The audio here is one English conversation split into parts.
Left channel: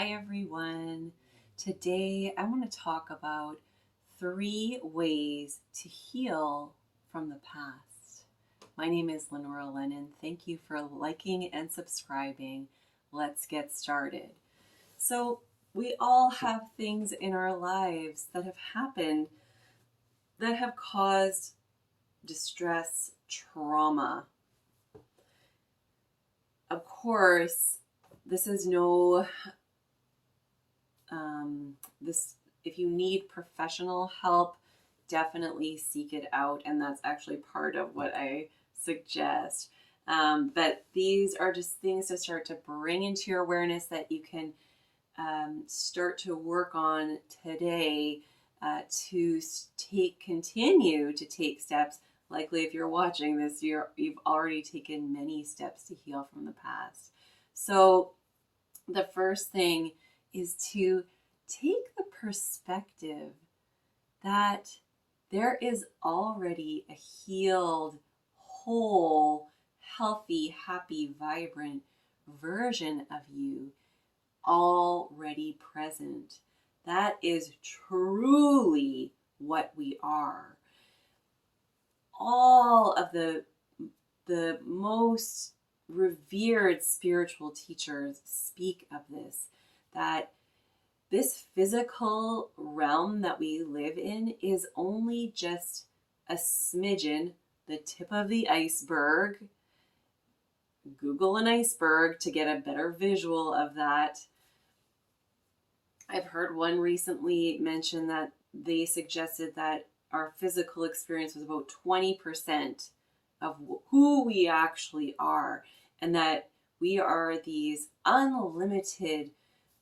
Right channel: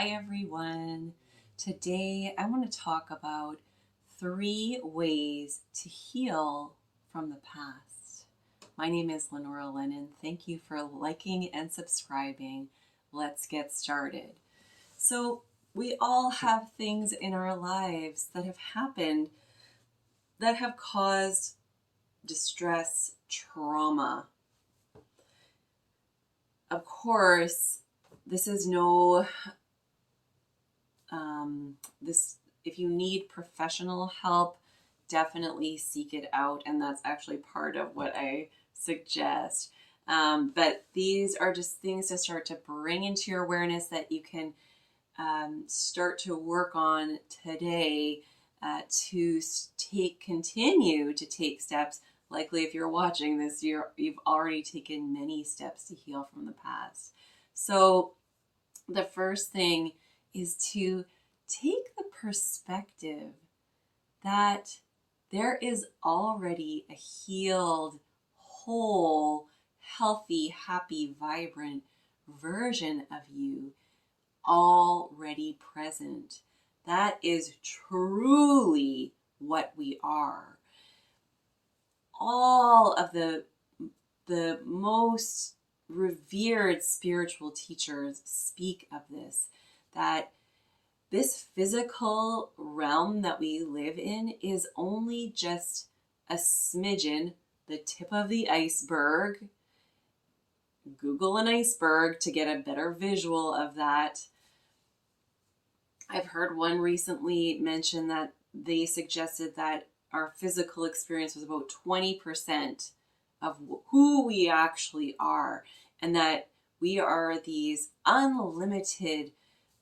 Hi everyone. Today I want to talk about 3 ways to heal from the past. My name is Lenora Lennon. Thank you for liking and subscribing. Let's get started. So, we all have things in our lives that have happened that have caused distress, trauma. Of course, this is no this if you need professional help, definitely seek it out, and that's actually part of what I suggest. But these are just things to start to bring into your awareness that you can start to work on today to continue to take steps. Likely, if you're watching this, you've already taken many steps to heal from the past. So the first thing is to take the perspective that there is already a healed, whole, healthy, happy, vibrant version of you already present. That is truly what we are. All of the most revered spiritual teachers speak of this, that this physical realm that we live in is only just a smidgen, the tip of the iceberg. Google an iceberg to get a better visual of that. I've heard one recently mention that they suggested that our physical experience was about 20% of who we actually are, and that we are these unlimited,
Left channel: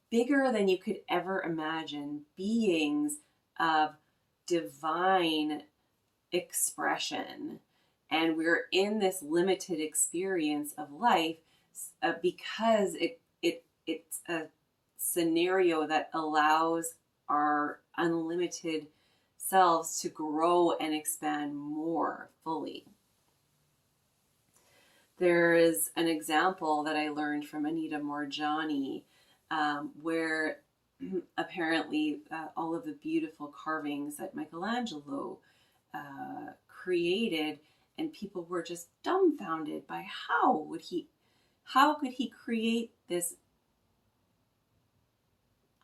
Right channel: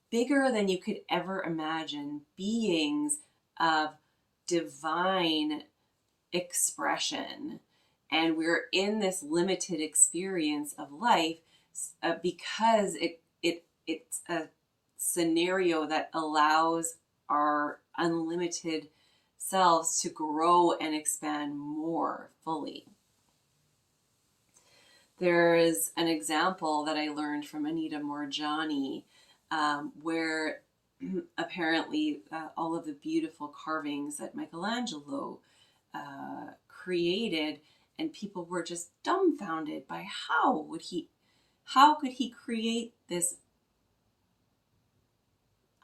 bigger than you could ever imagine beings of divine expression. And we're in this limited experience of life because it's a scenario that allows our unlimited selves to grow and expand more fully. There is an example that I learned from Anita Morjani, where apparently all of the beautiful carvings that Michelangelo created, and people were just dumbfounded by how could he create this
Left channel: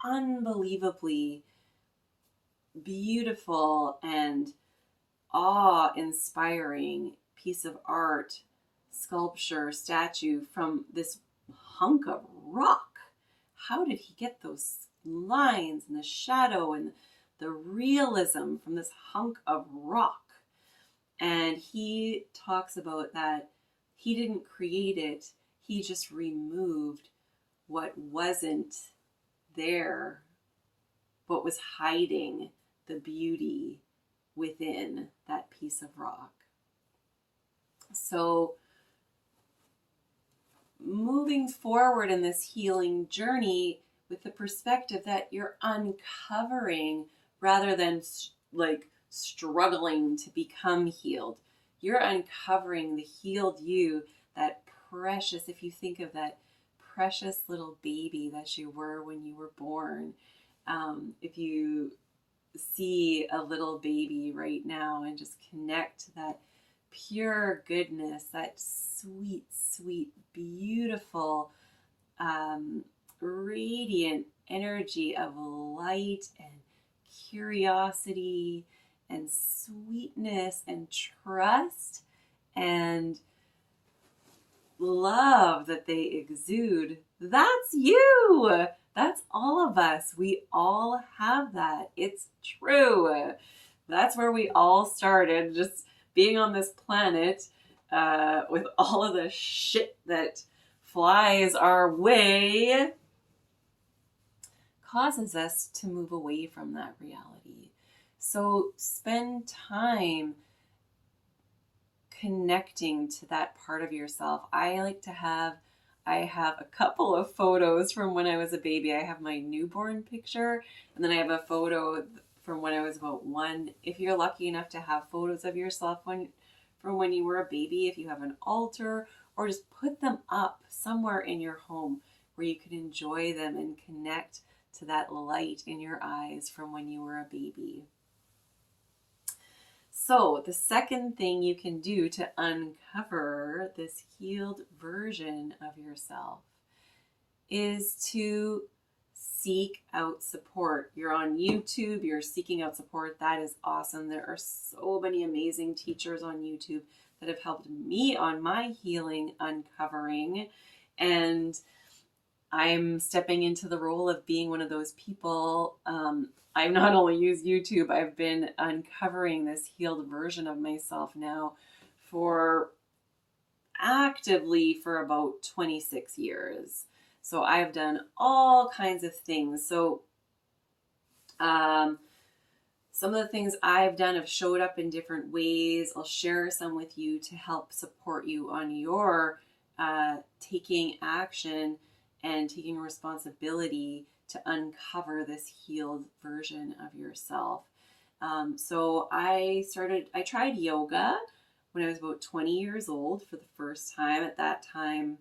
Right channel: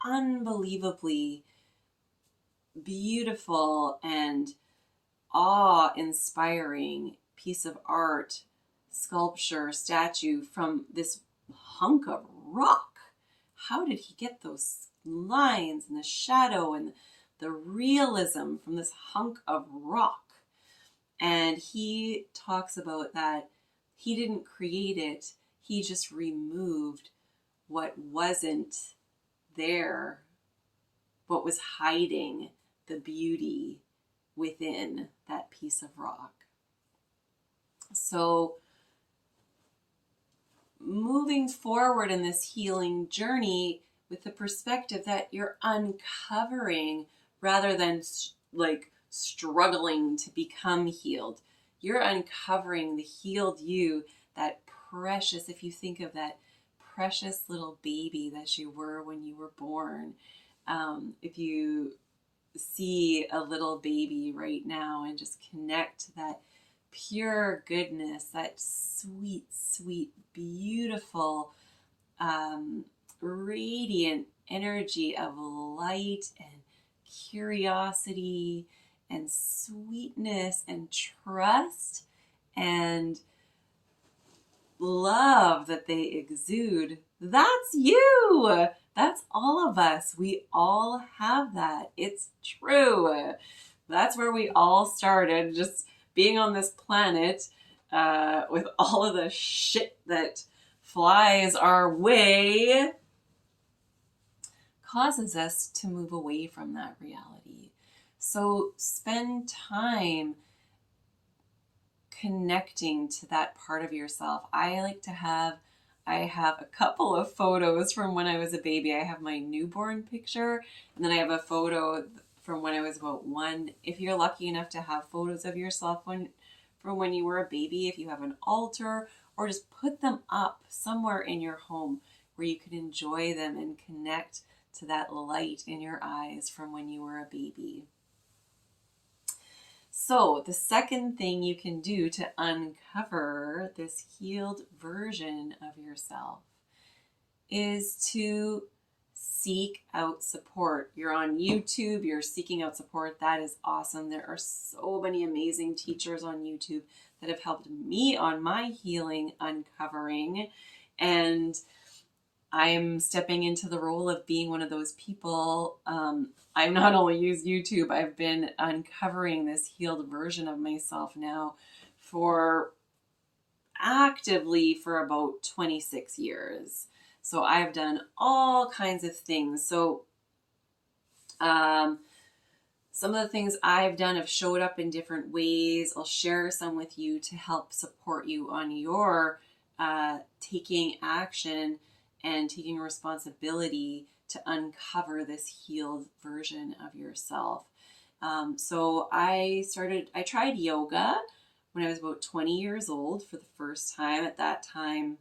unbelievably beautiful and awe-inspiring piece of art, sculpture, statue from this hunk of rock. How did he get those lines and the shadow and the realism from this hunk of rock? And he talks about that he didn't create it, he just removed what wasn't there, what was hiding the beauty within that piece of rock. So moving forward in this healing journey with the perspective that you're uncovering rather than like struggling to become healed. You're uncovering the healed you, that precious, if you think of that precious little baby that you were when you were born. If you see a little baby right now and just connect to that pure goodness, that sweet, sweet, beautiful, radiant energy of light and curiosity and sweetness and trust and love that they exude. That's you. That's all of us. We all have that. It's true. That's where we all started, just being on this planet with all of the shit that flies our way causes us to move away from that reality. So spend time connecting to that part of yourself. I have a couple of photos from when I was a baby. I have my newborn picture, and then I have a photo from when I was about 1. If you're lucky enough to have photos of yourself from when you were a baby, if you have an altar, or just put them up somewhere in your home, where you can enjoy them and connect to that light in your eyes from when you were a baby. So the second thing you can do to uncover this healed version of yourself is to seek out support. You're on YouTube, you're seeking out support. That is awesome. There are so many amazing teachers on YouTube that have helped me on my healing uncovering. And I'm stepping into the role of being one of those people. I've not only used YouTube, I've been uncovering this healed version of myself now actively for about 26 years. So I've done all kinds of things. So some of the things I've done have showed up in different ways. I'll share some with you to help support you on your taking action and taking responsibility to uncover this healed version of yourself. So I tried yoga when I was about 20 years old for the first time. At that time,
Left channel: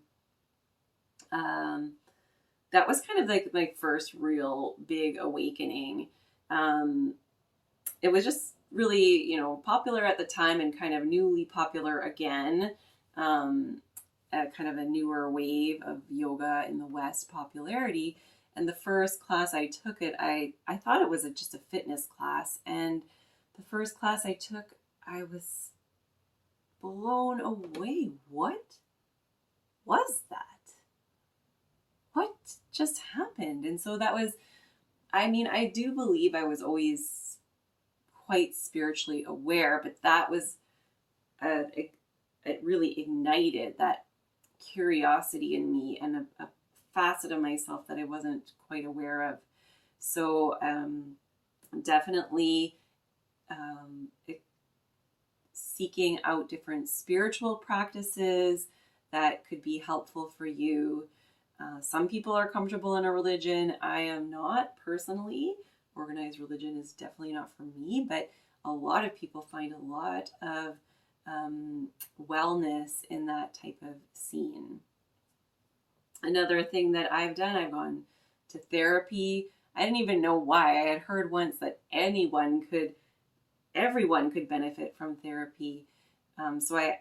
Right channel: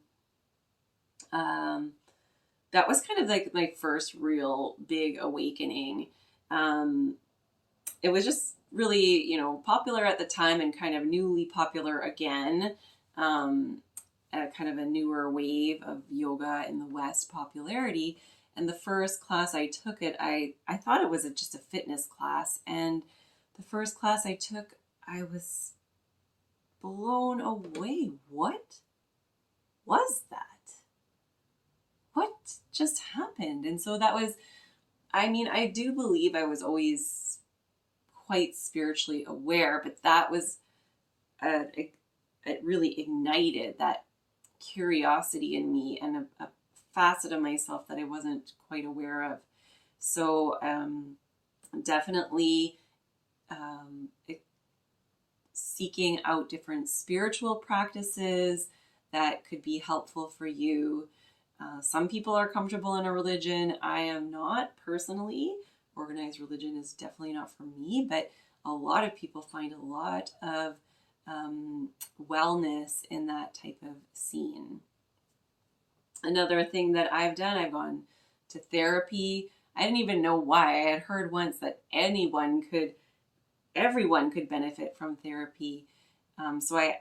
that was kind of like my first real big awakening. It was just really, popular at the time and kind of newly popular again. Kind of a newer wave of yoga in the West popularity. And the first class I took I thought it was just a fitness class. And the first class I took, I was blown away. What was that? What just happened? And so that was, I do believe I was always quite spiritually aware, but that was, it really ignited that curiosity in me and a facet of myself that I wasn't quite aware of. So definitely seeking out different spiritual practices that could be helpful for you. Some people are comfortable in a religion. I am not personally. Organized religion is definitely not for me, but a lot of people find a lot of wellness in that type of scene. Another thing that I've done, I've gone to therapy. I didn't even know why. I had heard once that everyone could benefit from therapy. So I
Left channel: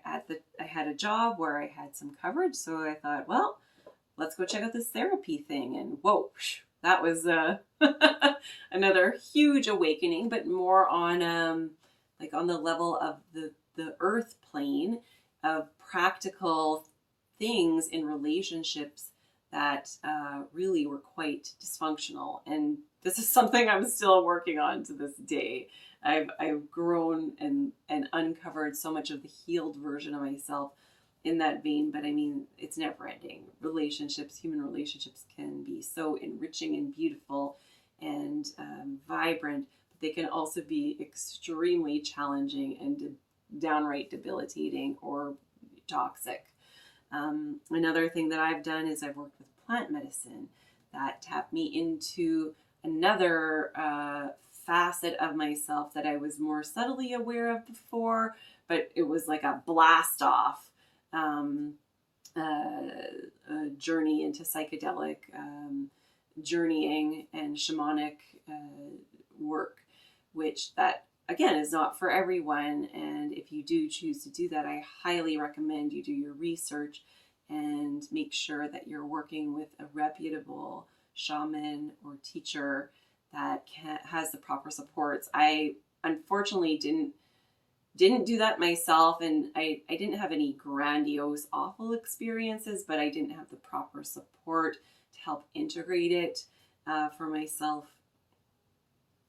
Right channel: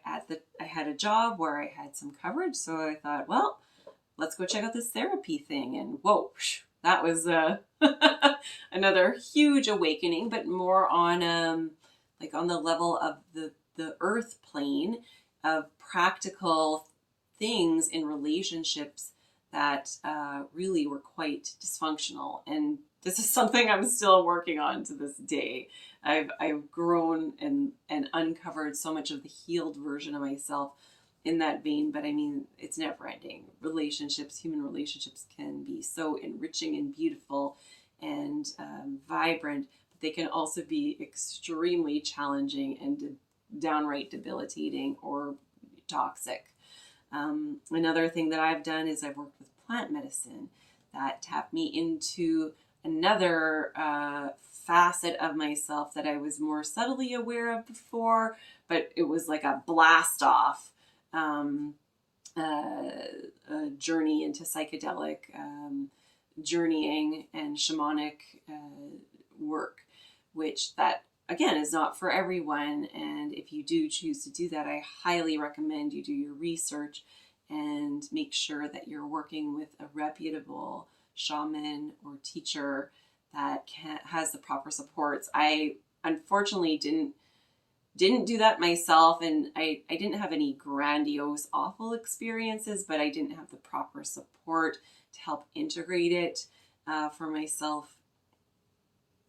had a job where I had some coverage, so I thought, well, let's go check out this therapy thing. And whoa, that was another huge awakening, but more on on the level of the earth plane of practical things in relationships that really were quite dysfunctional. And this is something I'm still working on to this day. I've grown and uncovered so much of the healed version of myself in that vein, but it's never ending. Human relationships can be so enriching and beautiful and vibrant, but they can also be extremely challenging and downright debilitating or toxic. Another thing that I've done is I've worked with plant medicine that tapped me into another facet of myself that I was more subtly aware of before, but it was like a blast off journey into psychedelic journeying and shamanic work, which that again is not for everyone. And if you do choose to do that, I highly recommend you do your research and make sure that you're working with a reputable shaman or teacher that has the proper supports. I unfortunately didn't do that myself, and I didn't have any grandiose, awful experiences, but I didn't have the proper support to help integrate it for myself.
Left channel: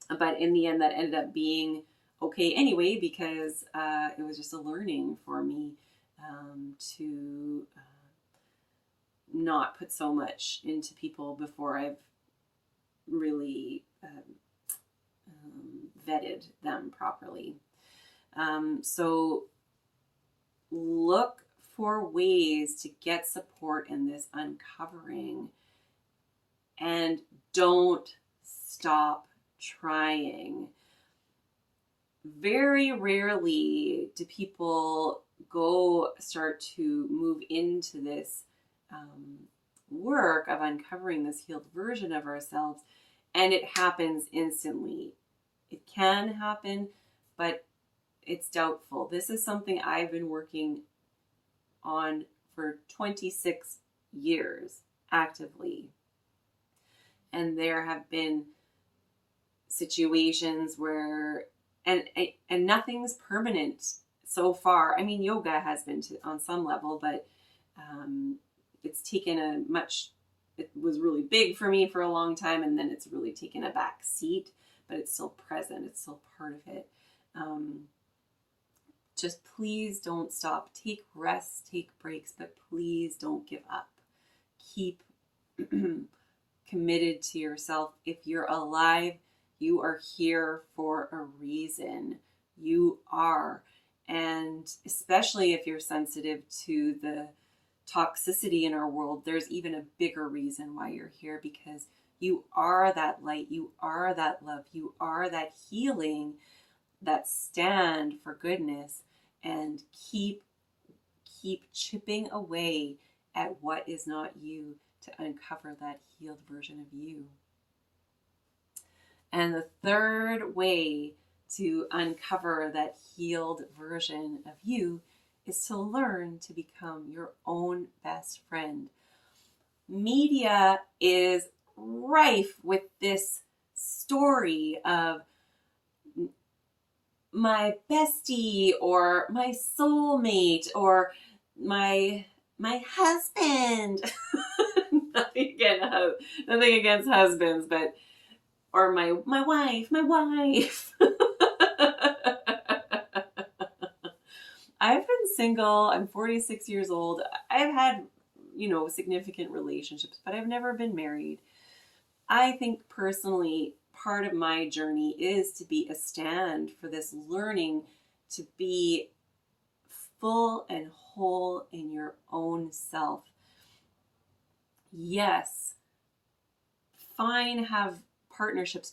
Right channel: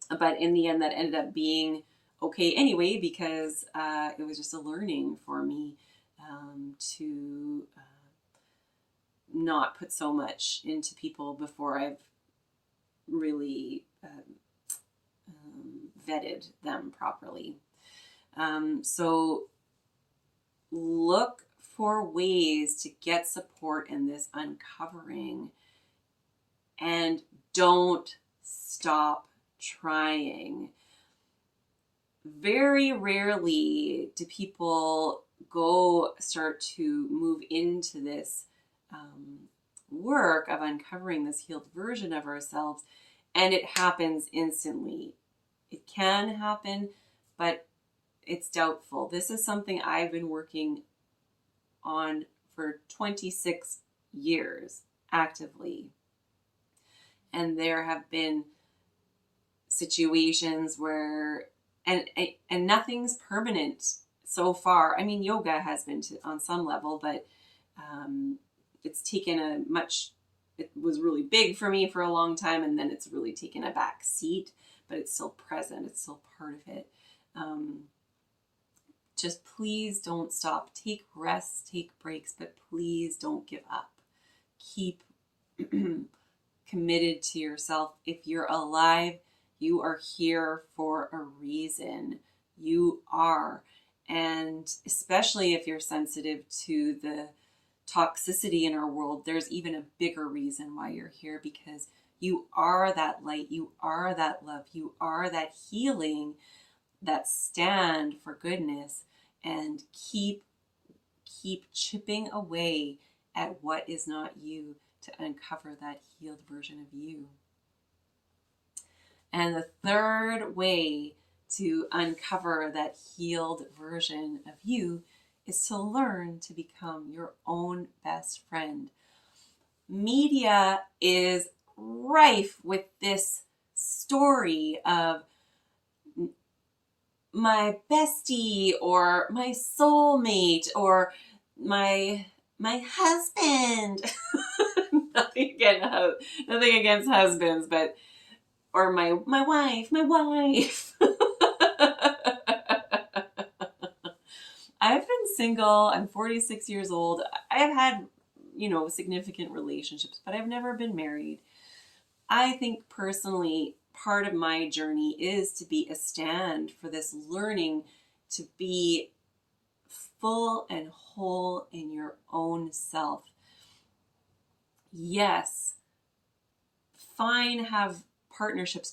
But in the end, that ended up being okay anyway, because it was just a learning for me to not put so much into people before I've really vetted them properly. So look for ways to get support in this uncovering, and don't stop trying. Very rarely do people start to move into this work of uncovering this healed version of ourselves, and it happens instantly. It can happen, but it's doubtful. This is something I've been working on for 26 years actively. And there have been situations where, and nothing's permanent so far. I mean, yoga has been on some level, but it's taken it was really big for me for a long time, and then it's really taken a back seat, but it's still present. It's still part of it. Just please don't stop. Take rests, take breaks, but please don't give up. Keep committed to yourself. If you're alive, you are here for a reason. You are. And especially if you're sensitive to the toxicity in our world, there's even a bigger reason why you're here, because you are that light, you are that love, you are that healing, that stand for goodness, and keep chipping away at what is not you to uncover that healed version of you. And the third way to uncover that healed version of you is to learn to become your own best friend. Media is rife with this story of my bestie or my soulmate or my husband. nothing against husbands, but or my wife. I've been single. I'm 46 years old. I've had, significant relationships, but I've never been married. I think personally, part of my journey is to be a stand for this learning to be full and whole in your own self. Yes, fine, have partnerships,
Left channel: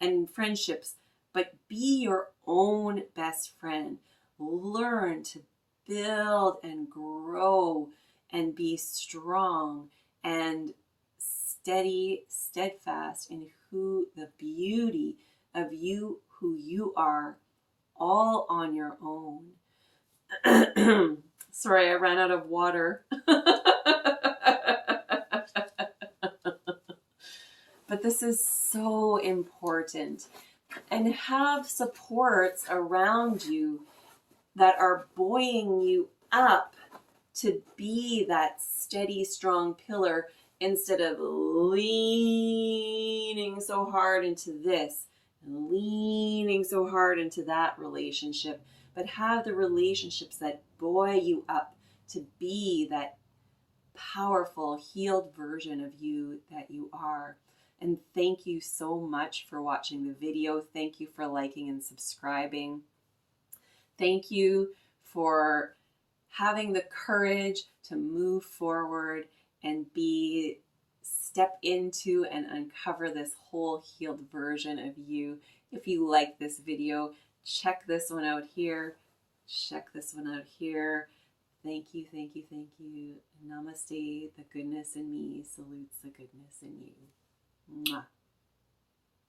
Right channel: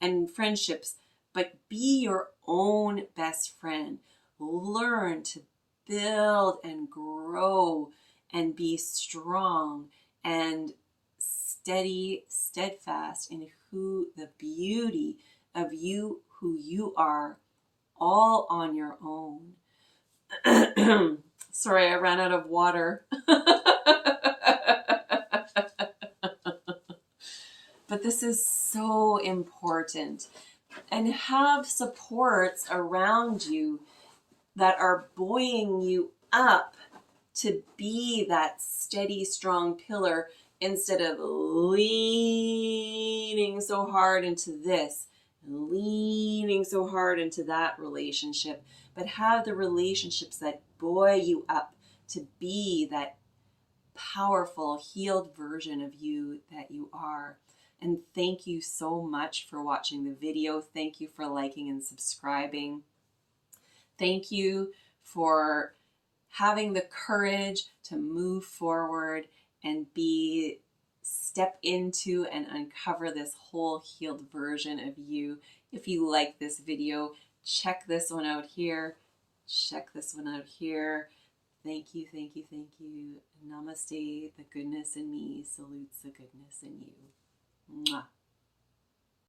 and friendships, but be your own best friend. Learn to build and grow and be strong and steady, steadfast in the beauty of you, who you are, all on your own. Sorry, I ran out of water. But this is so important. And have supports around you that are buoying you up to be that steady, strong pillar, instead of leaning so hard into this and leaning so hard into that relationship. But have the relationships that buoy you up to be that powerful, healed version of you that you are. And thank you so much for watching the video. Thank you for liking and subscribing. Thank you for having the courage to move forward and step into and uncover this whole healed version of you. If you like this video, check this one out here. Check this one out here. Thank you, thank you, thank you. Namaste. The goodness in me salutes the goodness in you. Mwah.